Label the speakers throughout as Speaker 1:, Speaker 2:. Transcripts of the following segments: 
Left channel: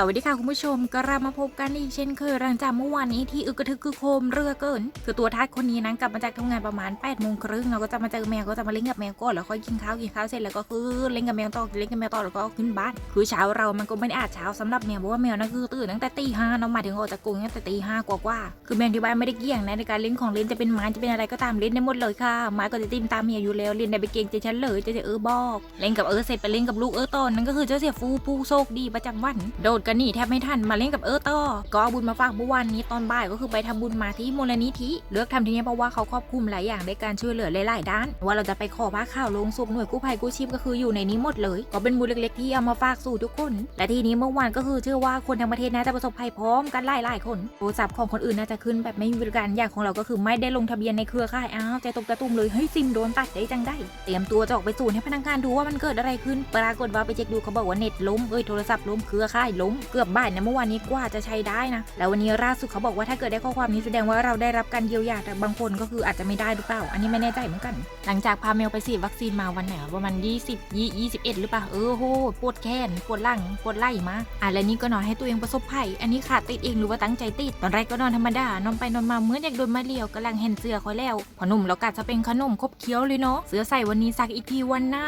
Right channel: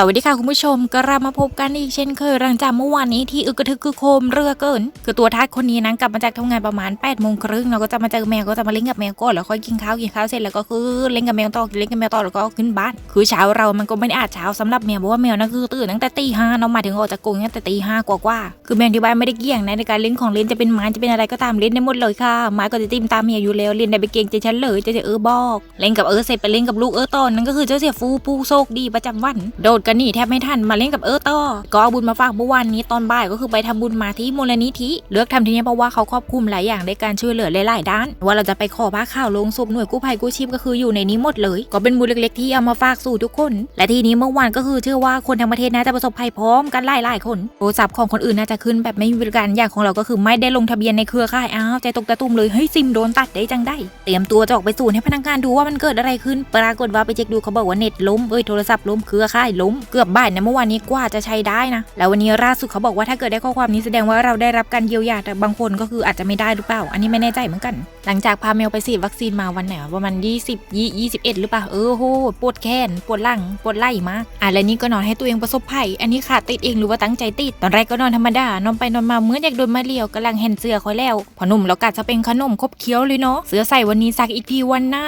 Speaker 1: สวัสดีค่ะคุณผู้ชมกลับมาพบกันอีกเช่นเคยหลังจากเมื่อวานนี้ที่อึกกระทึกคือโคมเรือเกิน คือตัวทัดคนนี้นั้นกลับมาจากทำงานประมาณ8ปดโมงครึ่งเราก็จะมาเจอแมวก็จะมาเล่นกับแมวก่อนแล้วค่อยกินข้าวกินข้าวเสร็จแล้วก็คือเล่นกับแมวต่อเล่นกับแมวต่อแล้วก็ขึ้นบ้าน คือเช้าเรามันก็ไม่ได้อาจเช้าสำหรับแมวเพราะว่าแมวนั่นคือตื่นตั้งแต่ตีห้าเนาะมาถึงออกจากกรงตั้งแต่ตีห้ากว่าๆคือแมวที่บ้านไม่ได้เกี่ยงนะในการเล่นของเล่นจะเป็นไม้จะเป็นอะไรก็ตามเล่นได้หมดเลยค่ะไม้ก็จะติ้มตามเมียอยู่แล้วเล่นได้ไปเก่งใจฉันเลยจะจะเออบอก เล่นกับเออเสร็จไปเล่นกับลูกเออตอนนั้นก็คือเจ้าเสียฟูผู้โชคดีประจำวันโดดกันหนีแทบไม่ทันมาเล่นกับเออต่อก็เอาบุญมาฝากเมื่อวานนี้ตอนบ่ายก็คือไปทำบุญมาที่มูลนิธิเลือกทำที่นี่เพราะว่าเขาครอบคลุมหลายอย่างในการช่วยเหลือหลายๆด้าน ว่าเราจะไปขอผ้าข่าวลงศพหน่วยกู้ภัยกู้ชีพก็คืออยู่ในนี้หมดเลย ก็เป็นบุญเล็กๆที่เอามาฝากสู่ทุกคน และทีนี้เมื่อวานก็คือเชื่อว่าคนทั้งประเทศน่าจะประสบภัยพร้อมกันหลายๆคนโทรศัพท์ของคนอื่นน่าจะขึ้นแบบไม่มีบริการอย่างของเราก็คือไม่ได้ลงทะเบียนในเครือข่ายอ้าวใจตกตะตุ่มเลยเฮ้ยซิมโดนตัดได้จังได้ เตรียมตัวจะออกไปศูนย์ให้พนักงานดูว่ามันเกิดอะไรขึ้น ปรากฏว่าไปเช็คดูเขาบอกว่าเน็ตล้มเอ้ยโทรศัพท์ล้มเครือข่ายล้มเกือบบ่ายนะเมื่อวานนี้กว่าจะใช้ได้นะ แล้ววันนี้ล่าสุดเขาบอกว่าถ้าเกิดได้ข้อความนี้แสดงว่าเราได้รับการเยียวยาแต่บางคนก็คืออาจจะไม่ได้หรือเปล่า อันนี้ไม่แน่ใจเหมือนกัน หลังจากพาเมลไปฉีดวัคซีนมาวันไหนวะประมาณ20ยี่21 หรือเปล่าเออโหปวดแขนปวดหลังปวดไหล่มากอะแล้วนี่ก็นอนให้ตัวเองประสบภัยอันนี้ขาดติดเองหรือว่าตั้งใจติดตอนแรกก็นอนธรรมดานอนไปนอนมาเหมื่อนอยากโดนมาเลียวกำลังเห็นเสื้อคอยแล้วพอหนุ่มแล้วกัดจะเป็นขนมคบเคี้ยวเลยเนาะเสื้อใส่วันนี้ซักอีกทีวันไหน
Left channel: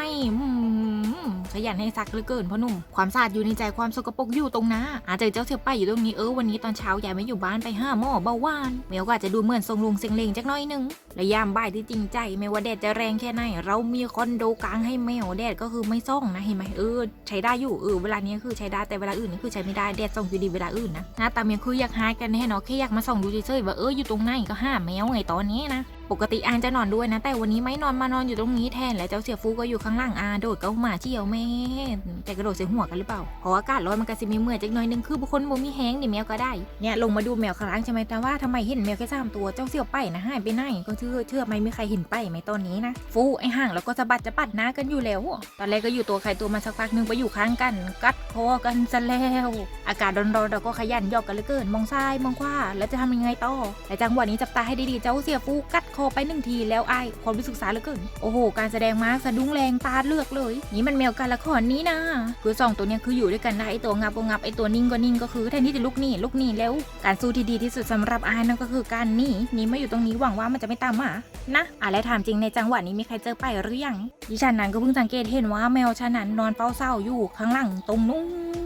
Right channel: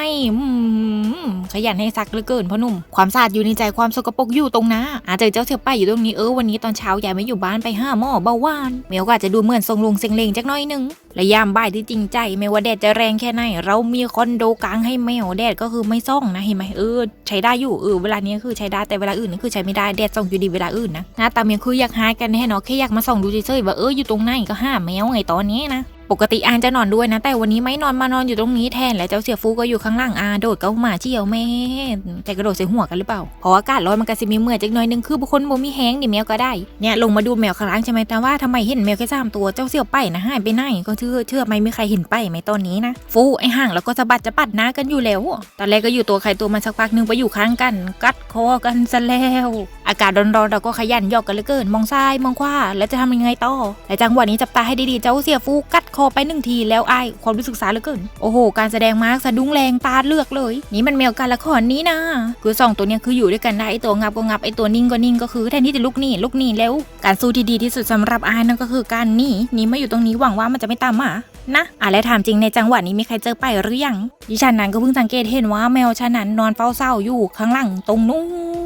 Speaker 1: ขยันให้ซักเหลือเกินพ่อหนุ่มความสะอาดอยู่ในใจความสกปรกอยู่ตรงหน้าอาจจะเจ้าเสือป้ายอยู่ตรงนี้เออวันนี้ตอนเช้ายายไม่อยู่บ้านไปห้าหมอเบาหวานเมลก็อาจจะดูเหมือนทรงลุงเซ็งเลงจักน้อยหนึงและยามบ่ายที่จริงใจไม่ว่าแดดจะแรงแค่ไหน เรามีคอนโดกลางให้แมวแดดก็คือไม่ส่องนะเห็นไหมเออใช้ได้อยู่เออเวลานี้คือใช้ได้แต่เวลาอื่นนี่คือใช้ไม่ได้แดดส่องอยู่ดีเวลาอื่นนะหน้าตาเมียคืออยากหายกันแน่เนาะแค่อยากมาส่องดูเฉยๆว่าเอออยู่ตรงไหนก็ห้าแมวไงตอนนี้นะ ปกติอานจะนอนด้วยนะ แต่วันนี้ไม่นอนมานอนอยู่ตรงนี้แทน และเจ้าเสียฟูก็อยู่ข้างล่างอาโดดเก็หมาเชี่ยวแม่แต่กระโดดใส่หัวกันหรือเปล่าเพราะอากาศร้อนมันก็สิมีเมื่อยจักหน่อยนึงคือบุคคลบ่มีแห้งนี่แมวก็ได้เนี่ยลงมาดูแมวข้างล่างใช่ไหมแต่ว่าทำไมเห็นแมวแค่สามตัวเจ้าเสี่ยวไปนะหายไปไหนก็เชื่อเชื่อไม่มีใครเห็นไปไหมตอนนี้นะ ฟูไอห่างแล้วก็สะบัดจะปัดหน้ากันอยู่แล้วตอนแรกก็อยู่ตัวใครตัวมันสักพักหนึงไปอยู่ข้างกัน กัดคอกันซะแล้วอากาศร้อนๆเราก็ขยันหยอกกันเหลือเกินมองซ้ายมองขวาแล้วจะทำยังไงต่อแต่จังหวะนี้จับตาให้ดีๆเจ้าเสียฟูกัดคอไปหนึ่งทีแล้วไอายความรู้สึกสาเหลือเกิน โอ้โห การแสดงมาร์กสะดุ้งแรงตาเลือกเลย นี่มันแมวการละครนี้นะ คือสองตัวเนี้ยคืออยู่ด้วยกันได้ไอตัวงับก็งับไอตัวนิ่งก็นิ่งก็คือแทนที่จะลุกหนีลุกหนีแล้ว การสู้ที่ดีที่สุดสำหรับไอายนั่นก็คือการหนีหนีมาอยู่ตรงนี้หวังว่ามันจะไม่ตามมานะอะแล้วถามจริงในจังหวะนี้มีใครเจอไปหรือยังดิฉันนั้นก็เพิ่งสังเกตเห็นว่าแมวฉันนั้นนอนเฝ้าเศร้าอยู่ข้างหลังตรงนู้น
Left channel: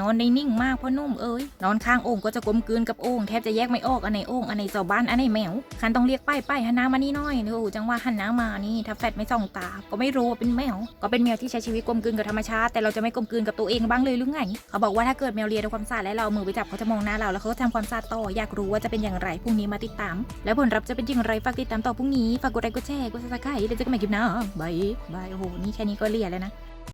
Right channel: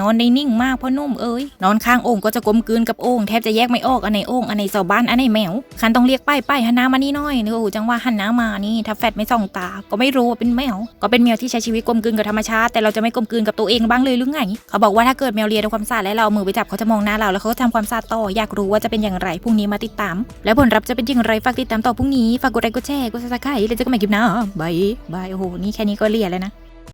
Speaker 1: นอนได้นิ่งมากพ่อนุ่มเอ้ยนอนข้างโอ่งก็จะกลมกลืนกับโอ่งแทบจะแยกไม่ออกอันไหนโอ่งอันไหนเสาบ้านอันไหนแมวคันต้องเรียกไปไปหันหน้ามานี่น่อยโอ้จังหวะหันหน้ามานี่ถ้าแฟดไม่ส่องตา ก็ไม่รู้ว่าเป็นแมวก็เป็นแมวที่ใช้ชีวิตกลมกลืนกับธรรมชาติแต่เราจะไม่กลมกลืนกับตัวเองบ้างเลยหรือไงเขาบอกว่าถ้าเกิดแมวเลียด้วยความสะอาดและเราเอามือไปจับเขาจะมองหน้าเราแล้วเขาทำความสะอาดต่ออยากรู้ว่าจะเป็นอย่างไรพรุ่งนี้มาติดตาม และผลลัพธ์จะเป็นอย่างไรฝากติดตามต่อพรุ่งนี้ฝากกดไลค์กดแชร์กดซับสไครต์แล้วเจอกันใหม่คลิปหน้าบายบายโอ้โหนี่แค่นี้ก็เลียแล้วนะ